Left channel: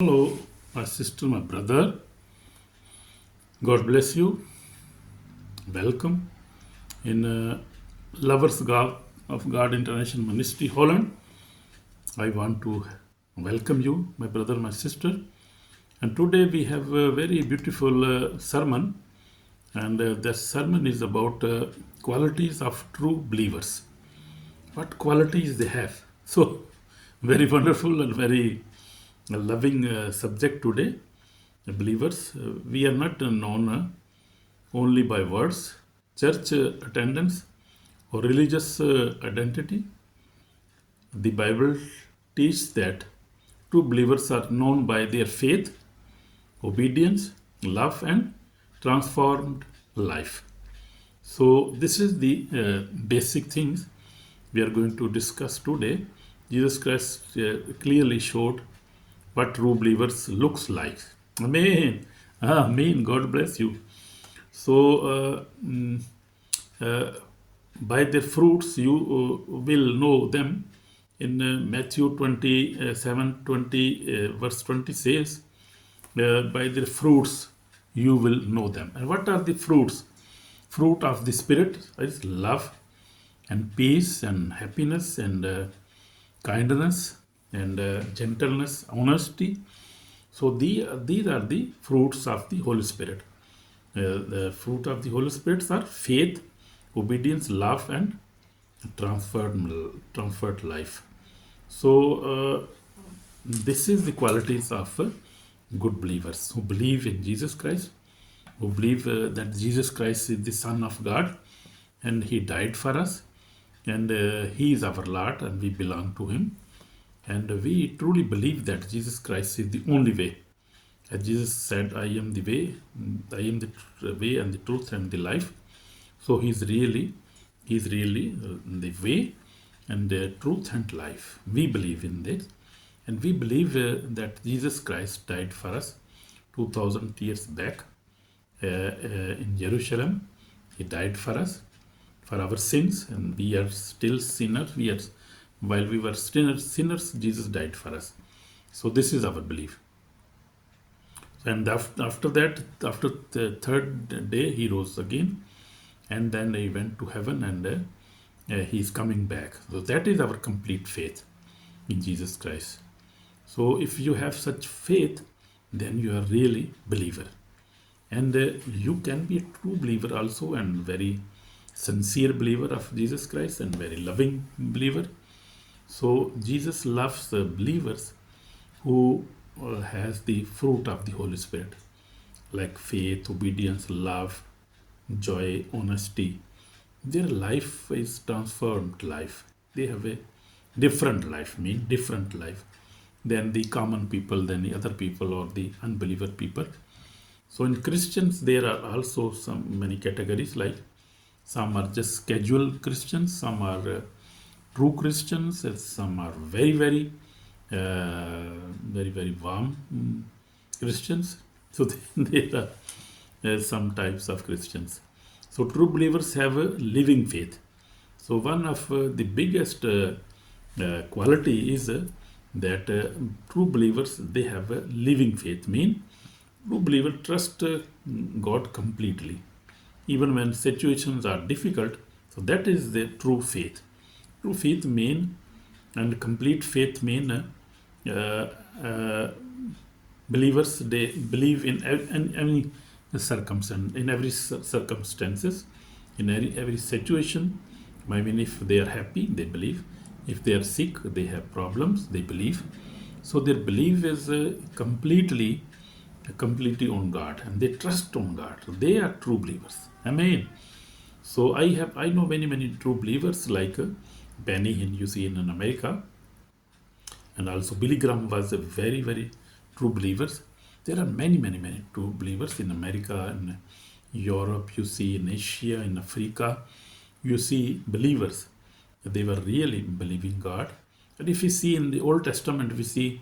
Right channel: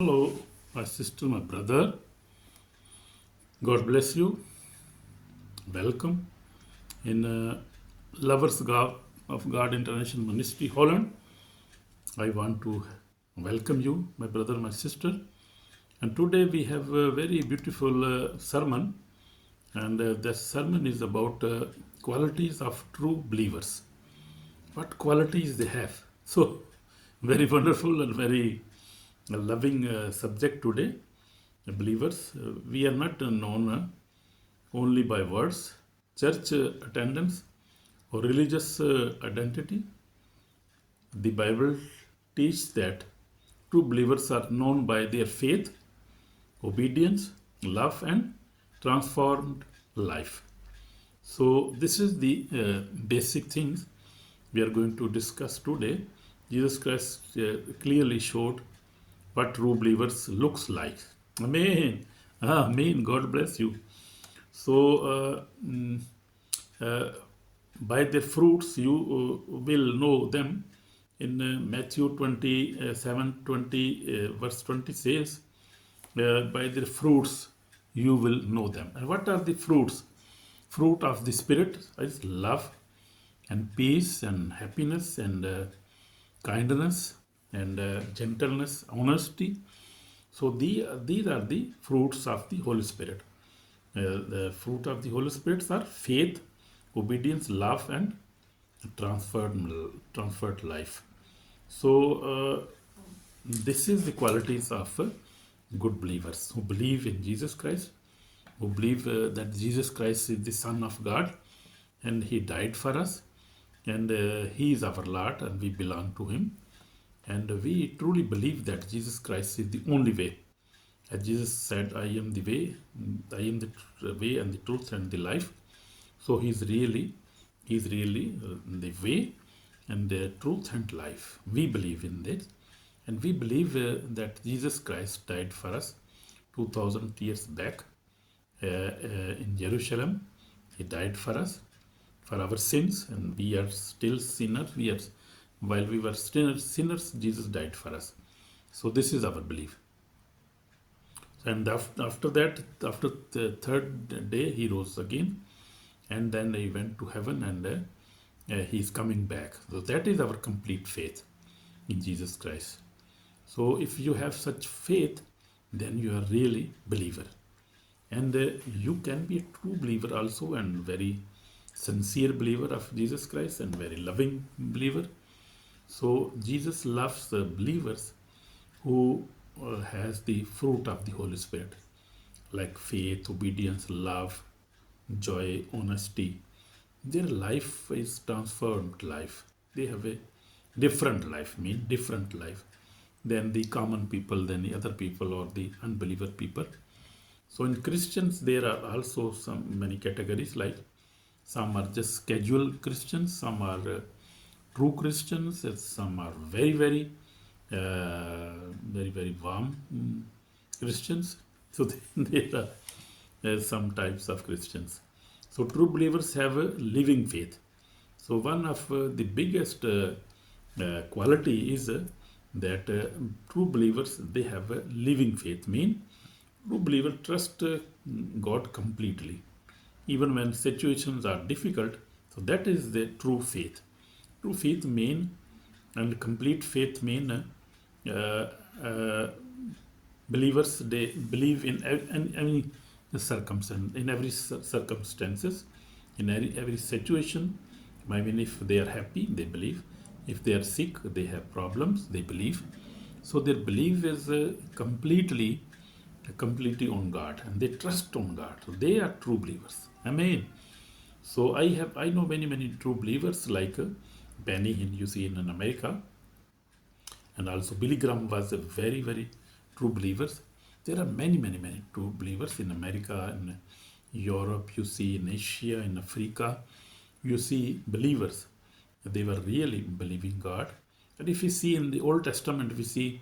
Hello, my sister, my brother. God bless you. Welcome in Lovers God of God International Ministry Holland. I want to welcome you, my brother, my sister. And today we have a very beautiful sermon, and the sermon is about qualities of true believers. What qualities they have? So, very wonderful and very loving subject today. Believers, we are not known only by words, church attendance, or religious identity. The Bible teaches that true believers are known by their faith, obedience, love, and transformed life. So, this is the basic things we are going to discuss today. Jesus Christ clearly showed what true believers looks like. Amen. Amen. God bless you. So, by their fruits you will know them. In Matthew 27:20, verse 20 says, by their fruits you will know them. And what are the fruits? Fruit of the Spirit is love and peace and happiness and kindness and gentleness, honesty. So these are the fruits of the Holy Spirit. The fruit of the Holy Spirit are faith, obedience, love, and transferred life. So this is the qualities of good believers who believe in Jesus Christ, who believe that Jesus Christ is the Son of God, and He died for us, and He is our Lord, and we belong to Him. And we truly believe that Jesus Christ is the only way. As Jesus said, I am the way, the way and the truth and the life. So He's really the way and the truth and life. We believe in this. And we believe that Jesus Christ died for us 2000 years back in Jerusalem. He died for us, for our sins, and we are still sinners. While we were sinners, Jesus died for us. So this is our belief. And after that, after the third day, He rose again, and then He went to heaven, and He's coming back. So that is our complete faith in Jesus Christ. So if you have such faith, then you are really believer. And you can be a true believer also, and very sincere believer of Jesus Christ, and very loving believer. So Jesus loves believers who has the fruit of the Holy Spirit, like faith, obedience, love, joy, honesty. Their life is transformed life. They have a different life, different life than the common people, than the other people or the unbeliever people. So in Christians, there are also many categories, like some are just casual Christians, some are true Christians, some are very, very warm Christians. So there are some types of Christians. So true believers have a living faith. So one of the biggest quality is that true believers, they have a living faith. True believer trust God completely, even when situations are difficult. So that is the true faith. True faith and complete faith believers, they believe in any circumstance, in every circumstances, in every situation. If they are happy, they believe. If they are sick, they have problems, they believe. So their belief is completely on God, and they trust on God. So they are true believers. Amen. So I know many true believers, like Benny, you see in America, and also Billy Graham was a very true believers. There are many true believers in America, in Europe, you see in Asia, in Africa, you see believers. They were really believing God. And if we see in the Old Testament, we see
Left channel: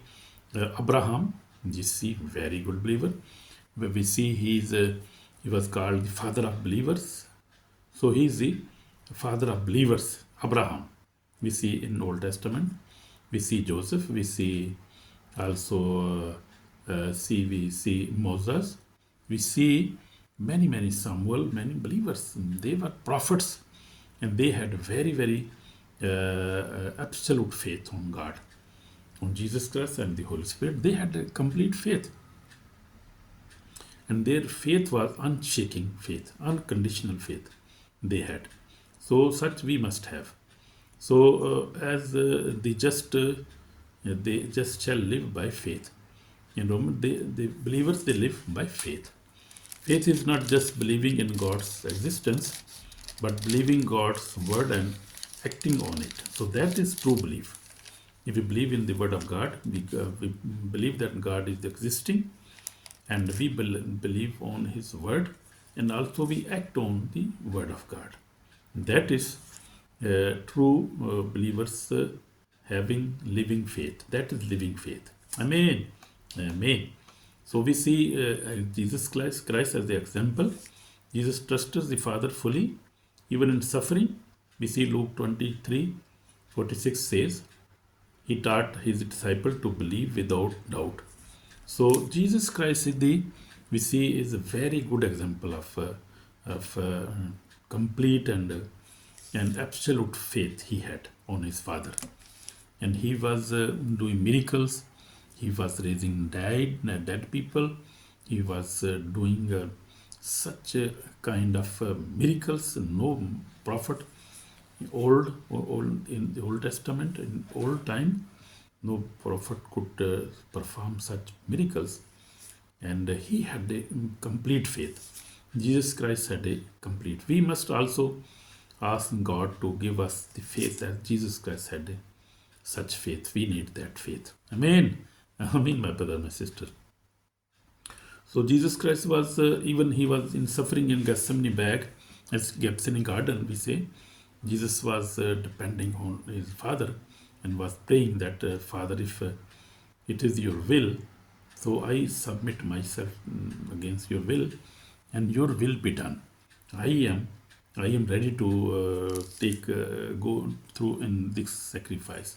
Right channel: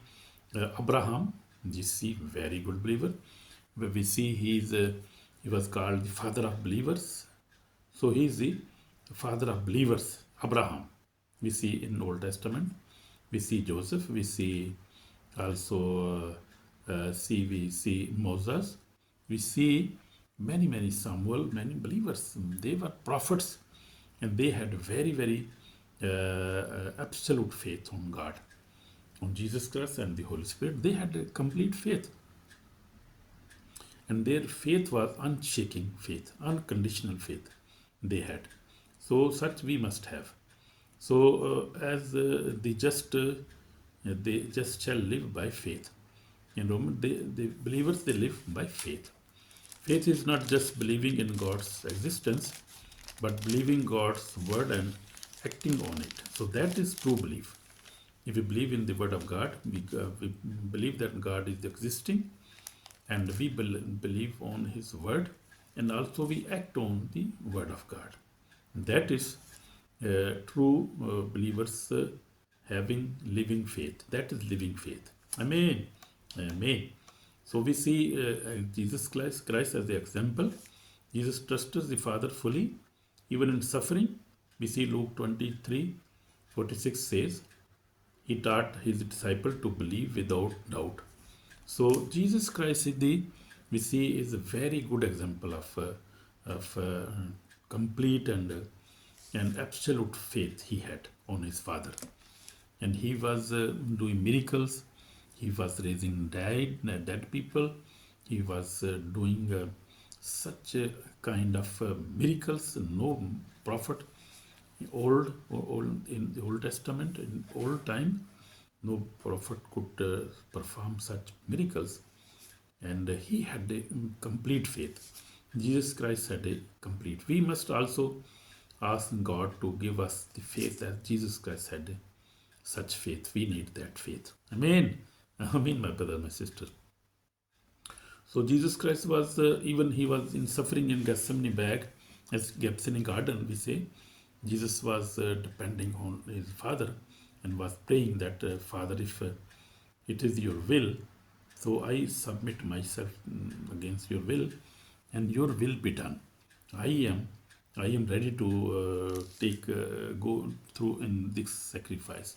Abraham, you see very good believer. We see he was called the father of believers. So he is the father of believers, Abraham. We see in Old Testament. We see Joseph. We see also we see Moses, we see many Samuel, many believers. They were prophets, and they had very absolute faith on God, on Jesus Christ and the Holy Spirit. They had a complete faith, and their faith was unshaking faith, unconditional faith they had. So such we must have. So as they just shall live by faith. The believers, they live by faith. Faith is not just believing in God's existence, but believing God's word and acting on it. So that is true belief. If we believe in the word of God, we believe that God is existing, and we believe on his word, and also we act on the word of God. That is true believers having living faith. That is living faith. Amen. Amen. So we see Jesus Christ as the example. Jesus trusted the Father fully, even in suffering. We see Luke 23:46 says, he taught his disciple to believe without doubt. So Jesus Christ we see is a very good example of complete and absolute faith he had on his Father. And he was doing miracles. He was raising dead people. He was doing such a kind of miracles. No prophet in the Old Testament, in old time, no prophet could perform such miracles. And he had a complete faith. Jesus Christ had a complete. We must also ask God to give us the faith that Jesus Christ had such faith. We need that faith. Amen. Amen, my brother, my sister. So Jesus Christ was, even he was in suffering in Gethsemane garden, we say. Jesus was depending on his Father and was praying that, Father, if it is your will, so I submit myself against your will, and your will be done. I am ready to go through in this sacrifice.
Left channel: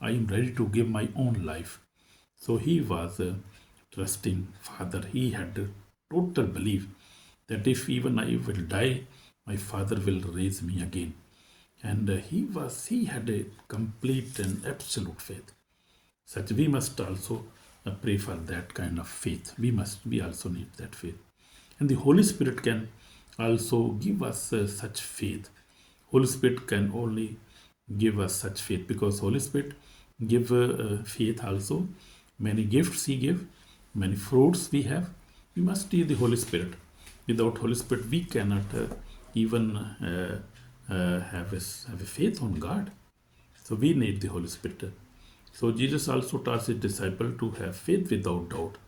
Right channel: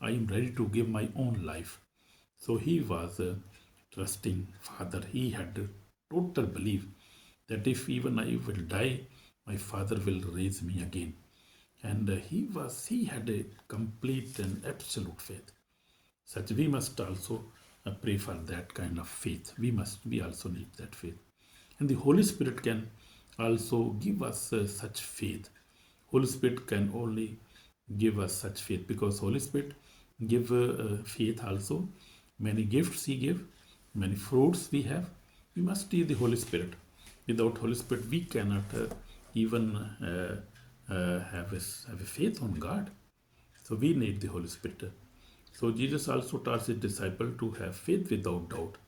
I am ready to give my own life. So he was trusting Father. He had a total belief that if even I will die, my Father will raise me again. And he had a complete and absolute faith. Such we must also pray for that kind of faith. We also need that faith. And the Holy Spirit can also give us such faith. Holy Spirit can only give us such faith, because Holy Spirit give faith also. Many gifts he give, many fruits we have. We must need the Holy Spirit. Without Holy Spirit, we cannot even have a faith on God. So we need the Holy Spirit. So Jesus also taught his disciple to have faith without doubt.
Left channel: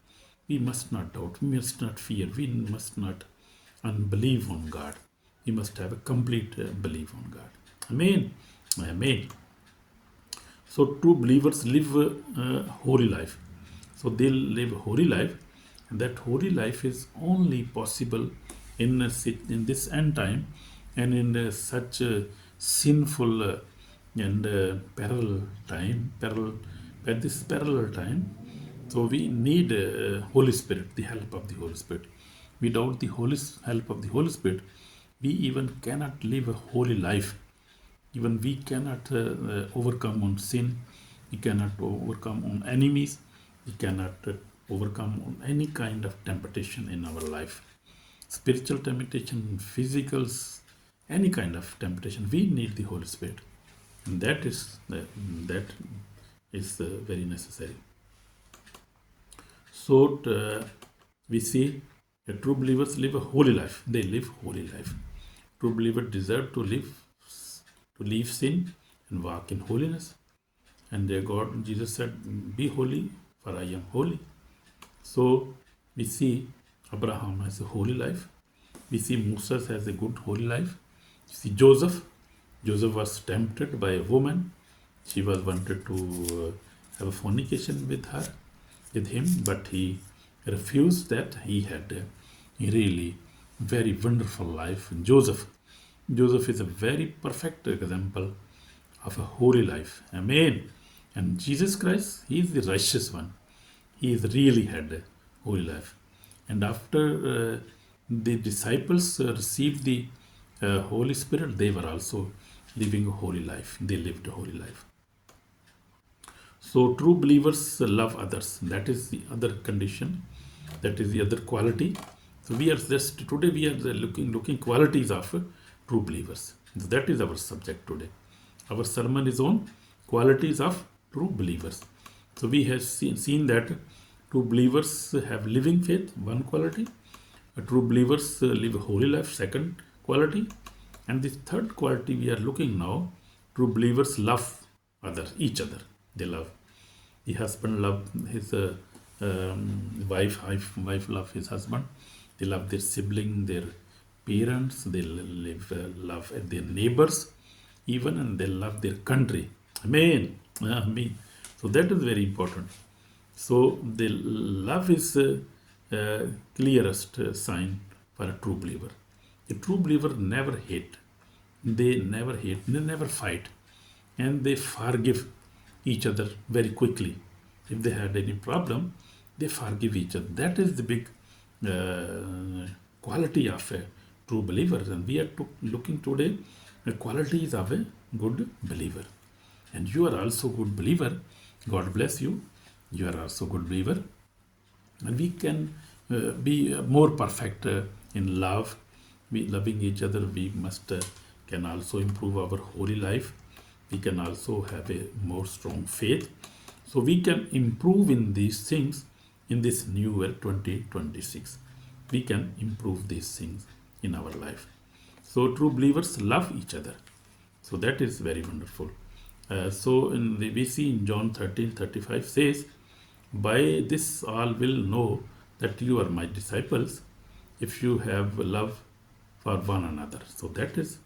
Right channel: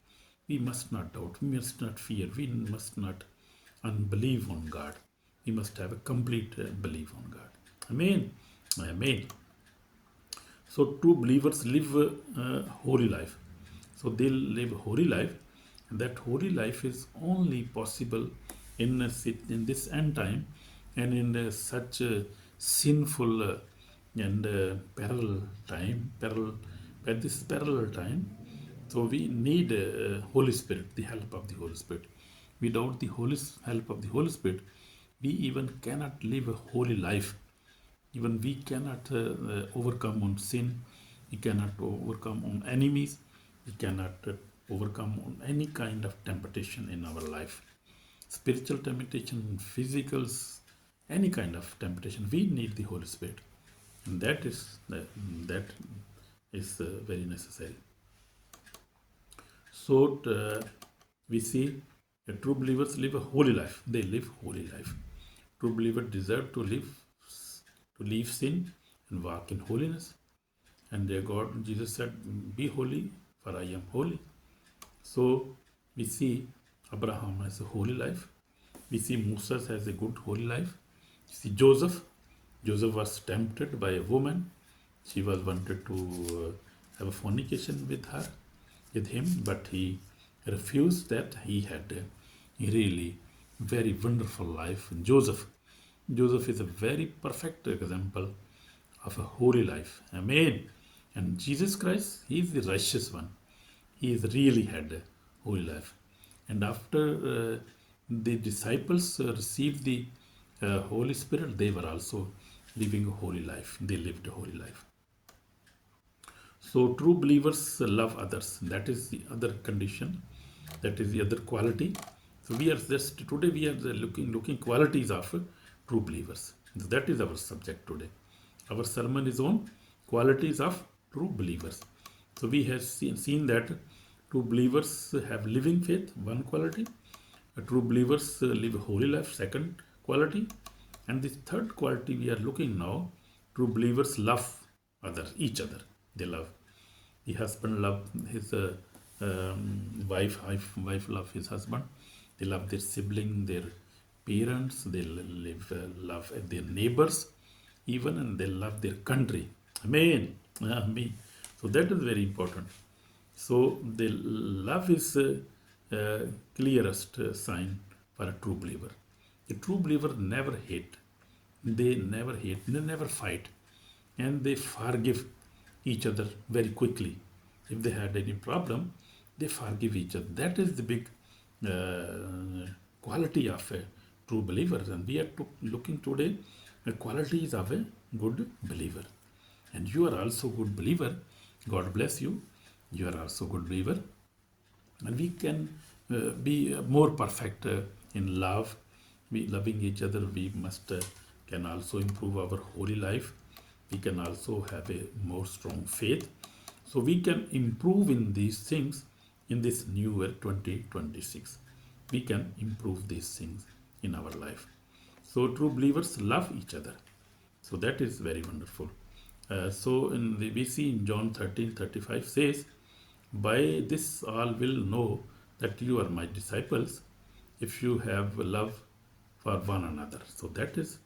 We must not doubt. We must not fear. We must not unbelieve on God. We must have a complete belief on God. Amen. Amen. So true believers live a holy life. So they live a holy life, and that holy life is only possible in this end time, and in such a sinful and parallel time. So we need Holy Spirit, the help of the Holy Spirit. Without the help of the Holy Spirit, we even cannot live a holy life. Even we cannot overcome on sin. We cannot overcome on enemies. We cannot overcome on any kind of temptation in our life. Spiritual temptation, physicals, any kind of temptation. We need the Holy Spirit. And that is very necessary. So we see that true believers live a holy life. They live holy life. True believers deserve to leave sin and walk in holiness. And Jesus said, be holy, for I am holy. So we see Abraham has a holy life. We see Moses has a good holy life. We see Joseph was tempted by a woman. She wanted to have a fornication with him, but he refused that. He had a really very wonderful life. Joseph is a very perfect example of a holy life. Amen. And Jesus Christ, he is the righteous one. He really had a holy life. And after the disciples received the Holy Spirit, they were also living a holy life. They lived a holy life. So true believers love others. That is the other condition. That is the other quality. So we are just today we are looking qualities of true believers. So that is our subject today. Our sermon is on qualities of true believers. So we have seen that true believers have living faith, one quality. True believers live a holy life, second quality. And the third quality we are looking now, true believers love each other. They love. The husband love his wife love his husband. They love their sibling, their parents. They love their neighbors, even, and they love their country. Amen. Amen. So that is very important. So the love is clearest sign for a true believer. A true believer never hate. They never hate. They never fight, and they forgive each other very quickly. If they had any problem, they forgive each other. That is the big quality of a true believer. And we are looking today the qualities of a good believer. And you are also good believer. God bless you. You are also good believer. And we can be more perfect in love. We loving each other. We must can also improve our holy life. We can also have a more strong faith. So we can improve in these things in this new year 2026. We can improve these things in our life. So true believers love each other. So that is very wonderful. We see in John 13:35 says, by this all will know that you are my disciples if you have love for one another. So that is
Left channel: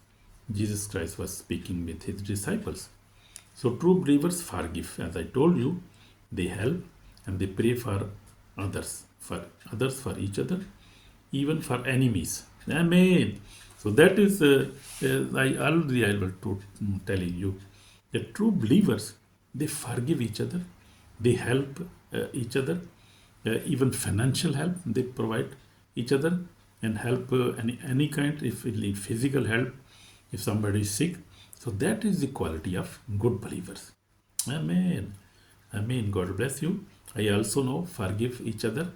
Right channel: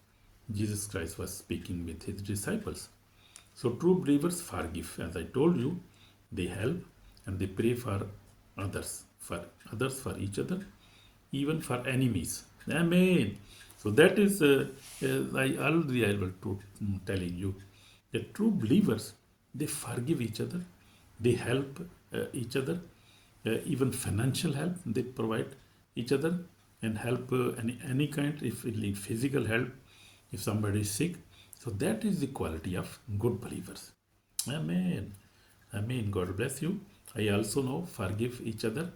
Jesus Christ was speaking with his disciples. So true believers forgive. As I told you, they help and they pray for others, for each other, even for enemies. Amen. So that is, I will telling you, that true believers, they forgive each other, they help each other, even financial help they provide each other, and help any kind, if you need physical help, if somebody is sick. So that is the quality of good believers. Amen. Amen. God bless you. I also know forgive each other.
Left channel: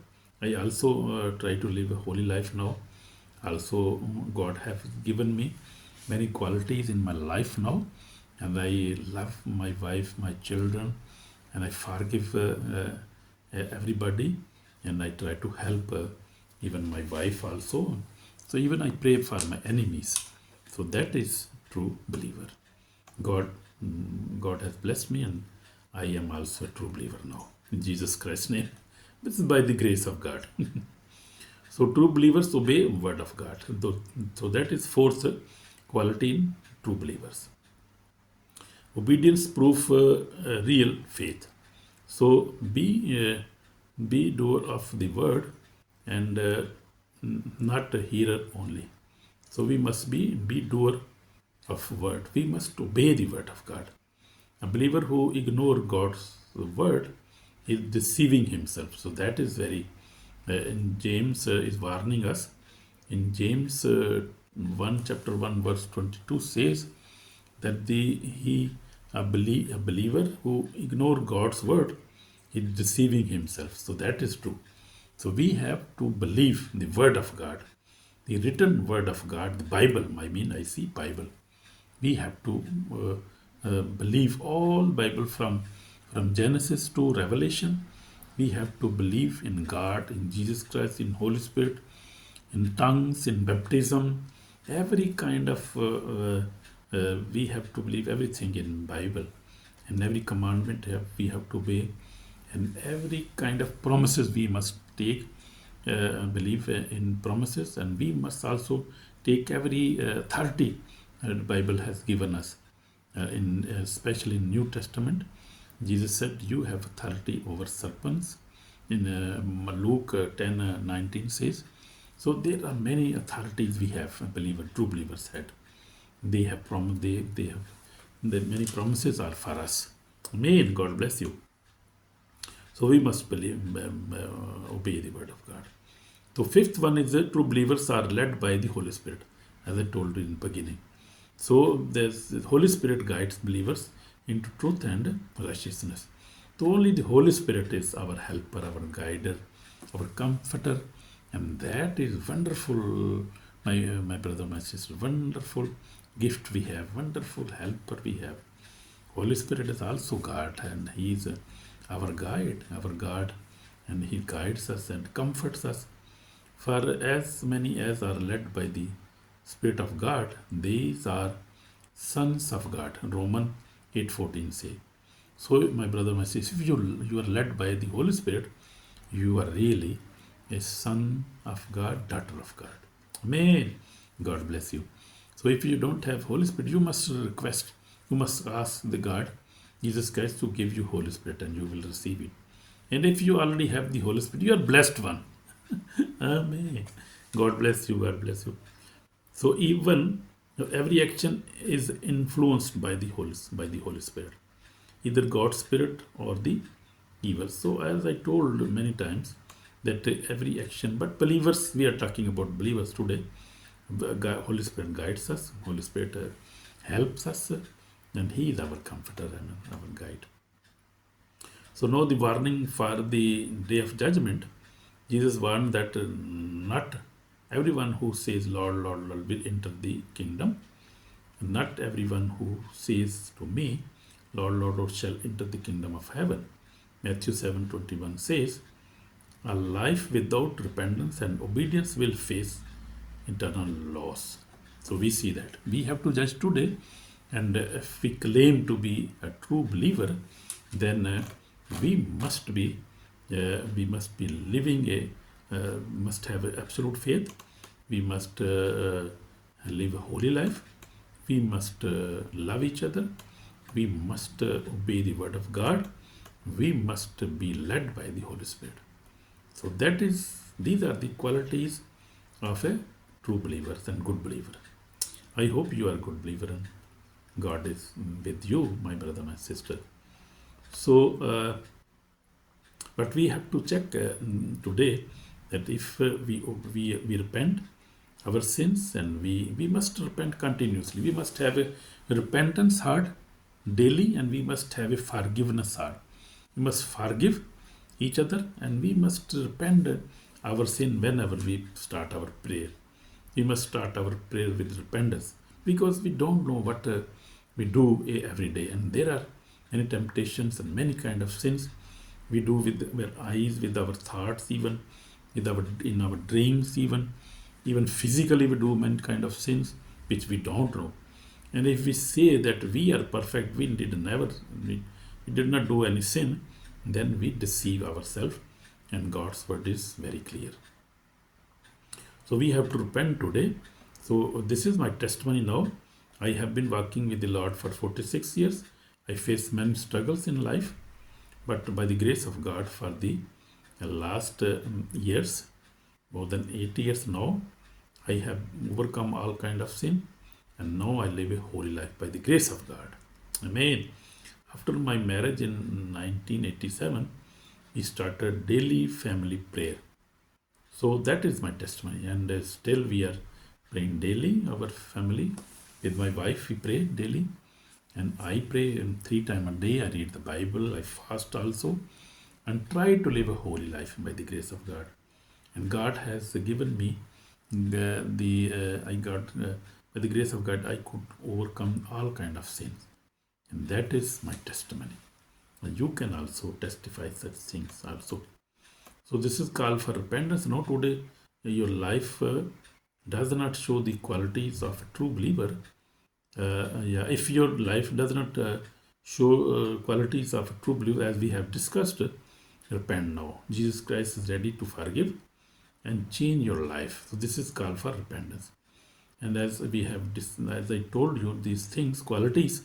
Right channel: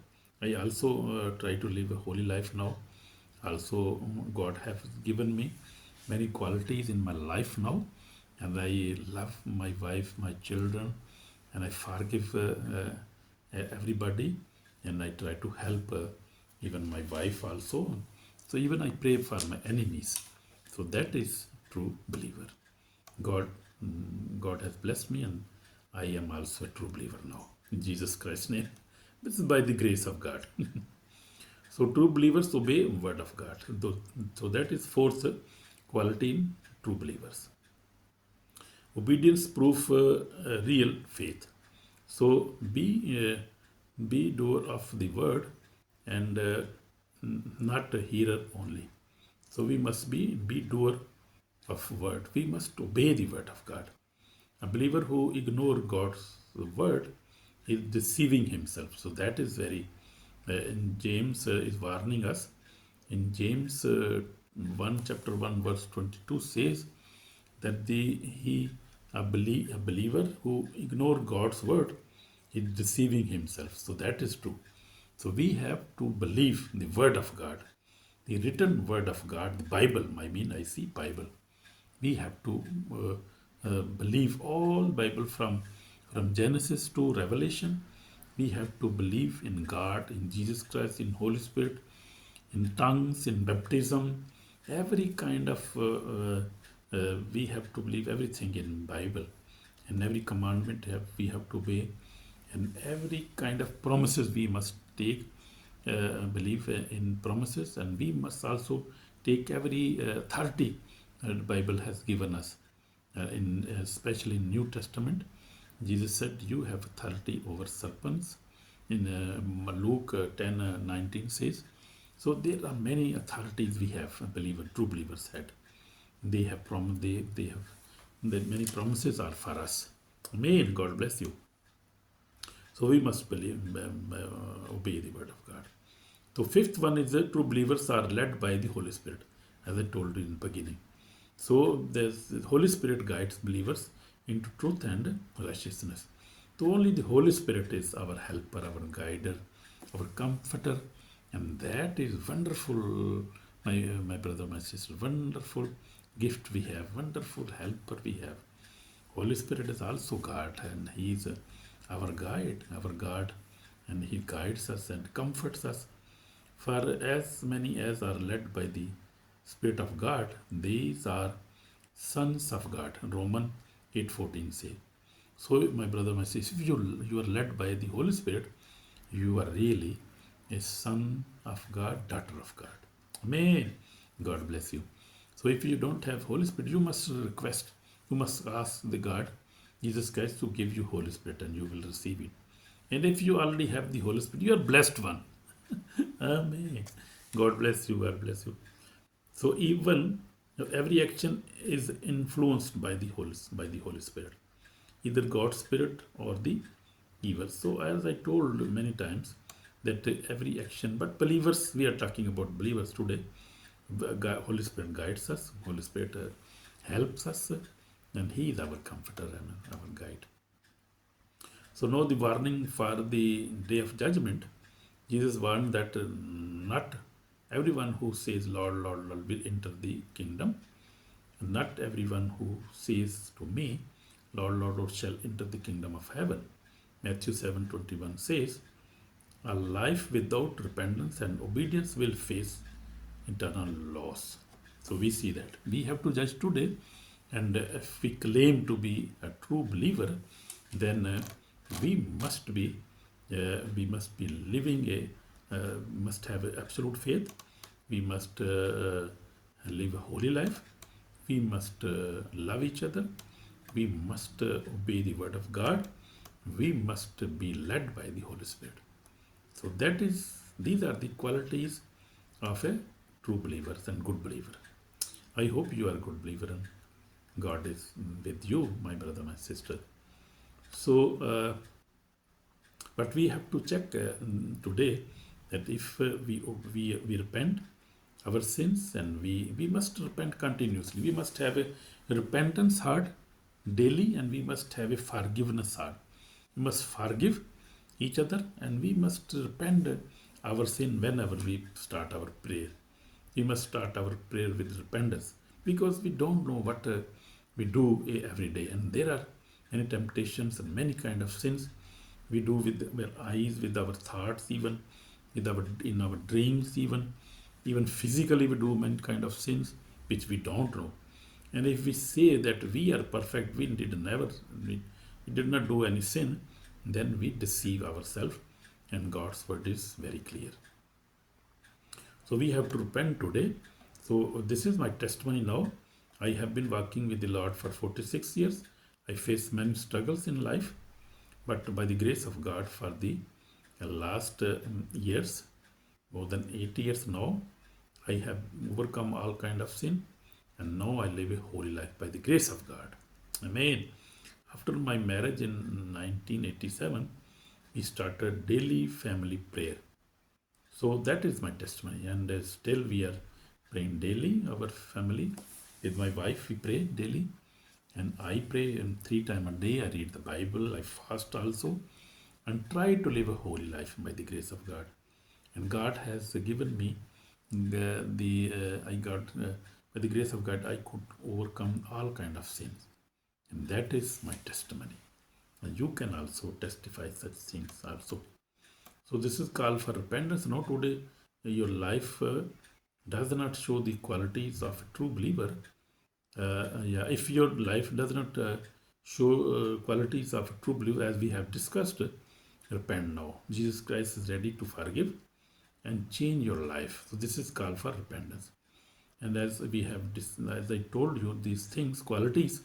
I also try to live a holy life now. Also, God has given me many qualities in my life now, and I love my wife, my children, and I forgive everybody, and I try to help even my wife also. So even I pray for my enemies. So that is true believer. God has blessed me, and I am also a true believer now. In Jesus Christ's name. This is by the grace of God. So true believers obey word of God. So that is fourth quality in true believers. Obedience proof real faith. So be doer of the word and not a hearer only. So we must be doer of word. We must obey the word of God. A believer who ignores God's word is deceiving himself. So that is very. James is warning us. In James 1 chapter 1 verse 22 says that a believer who ignores God's word is deceiving himself. So that is true. So we have to believe the word of God, the written word of God, the Bible. I see Bible. We have to believe all Bible from Genesis to Revelation. We have to believe in God, in Jesus Christ, in Holy Spirit, in tongues, in baptism, every kind of, we have to believe everything in Bible, and every commandment we have to obey, and every kind of promises we must take, believe in promises, and we must also take every authority the Bible has given us, especially in New Testament. Jesus said, you have authority over serpents. In Luke 10:19 says. So there are many authorities we have, true believers had. They have promised, they have, many promises are for us. Amen. God bless you. So we must believe, obey the word of So fifth one is that true believers are led by the Holy Spirit, as I told you in the beginning. So the Holy Spirit guides believers into truth and righteousness. So only the Holy Spirit is our helper, our guider, our comforter, and that is wonderful, my brother, my sister, wonderful gift we have, wonderful helper we have. Holy Spirit is also God, and He is our guide, our God, and He guides us and comforts us. For as many as are led by the Spirit of God, these are sons of God. Romans 8:14 say. So, my brother, my sister, if you are led by the Holy Spirit, you are really a son of God, daughter of God. Amen. God bless you. So if you don't have Holy Spirit, you must request, you must ask the God, Jesus Christ, to give you Holy Spirit, and you will receive it. And if you already have the Holy Spirit, you are blessed one. Amen. God bless you. God bless you. So even every action is influenced by the Holy Spirit, either God's Spirit or the evil. So as I told many times, that every action, but believers, we are talking about believers today. Holy Spirit guides us, Holy Spirit helps us, and He is our comforter and our guide. So now the warning for the day of judgment. Jesus warned that not everyone who says Lord, Lord, Lord will enter the kingdom. Not everyone who says to me, Lord, Lord, Lord shall enter the kingdom of heaven. Matthew 7:21 says, a life without repentance and obedience will face eternal loss. So we see that we have to judge today, and if we claim to be a true believer, then we must be living must have absolute faith. We must live a holy life. We must love each other. We must obey the word of God. We must be led by the Holy Spirit. So these are the qualities of a true believer and good believer. I hope you are a good believer and God is with you, my brother, my sister. So, but we have to check today that if we repent our sins, and we must repent continuously. We must have a repentance heart daily, and we must have a forgiveness heart. We must forgive each other, and we must repent our sin whenever we start our prayer. We must start our prayer with repentance, because we don't know what we do every day, and there are many temptations and many kind of sins we do with our eyes, with our thoughts, even with in our dreams, even physically we do many kind of sins which we don't know. And if we say that we are perfect, we did not do any sin, then we deceive ourselves, and God's word is very clear. So we have to repent today. So this is my testimony now. I have been walking with the Lord for 46 years. I faced many struggles in life, but by the grace of God, for the last years, more than 8 years now, I have overcome all kind of sin, and now I live a holy life by the grace of God. Amen. After my marriage in 1987, we started daily family prayer. So that is my testimony, and still we are praying daily. Our family, with my wife, we pray daily, and I pray 3 times a day. I read the Bible, I fast also, and try to live a holy life by the grace of God. And God has given me by the grace of God, I could overcome all kind of sins, and that is my testimony. And you can also testify such things also. So this is called for repentance. Now today, your life does not show the qualities of a true believer. If your life does not show qualities of a true believer, as we have discussed, repent now. Jesus Christ is ready to forgive and change your life. So this is called for repentance. And as I told you, these things, qualities,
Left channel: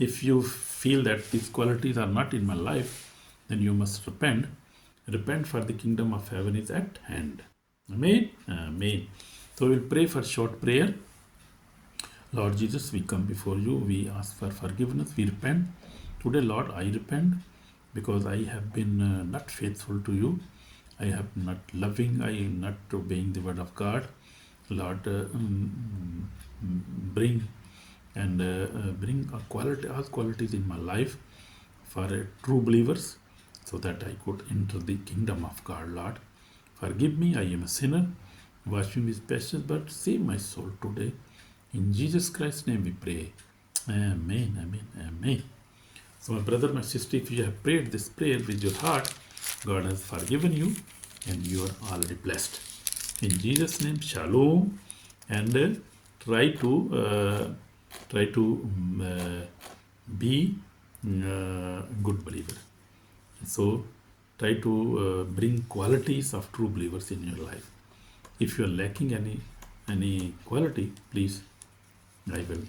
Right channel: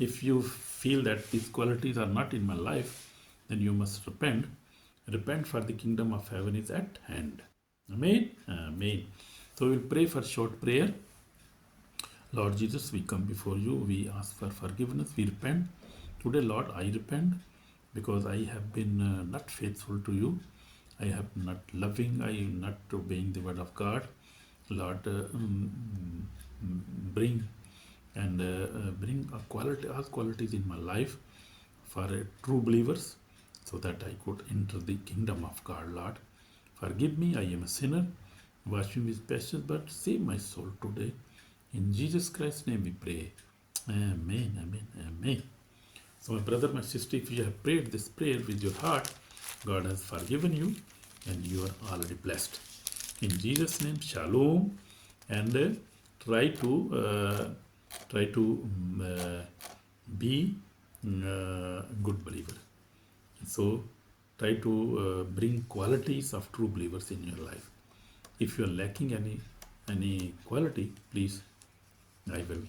if you feel that these qualities are not in my life, then you must repent. Repent, for the kingdom of heaven is at hand. Amen. Amen. So we'll pray for short prayer. Lord Jesus, we come before you. We ask for forgiveness. We repent. Today, Lord, I repent because I have been not faithful to you. I have not loving, I am not obeying the word of God. Lord, bring and bring a quality, all qualities in my life for true believers, so that I could enter the kingdom of God. Lord, forgive me, I am a sinner. Wash me with precious blood, save my soul today. In Jesus Christ's name we pray. Amen, amen, amen. So, my brother, my sister, if you have prayed this prayer with your heart, God has forgiven you and you are already blessed. In Jesus' name, shalom, and try to be good believer. So, try to bring qualities of true believers in your life. If you are lacking any quality, please, I will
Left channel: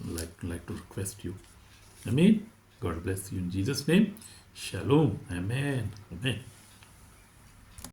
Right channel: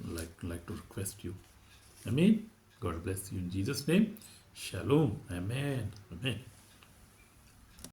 like to request you. Amen. God bless you in Jesus' name. Shalom. Amen. Amen.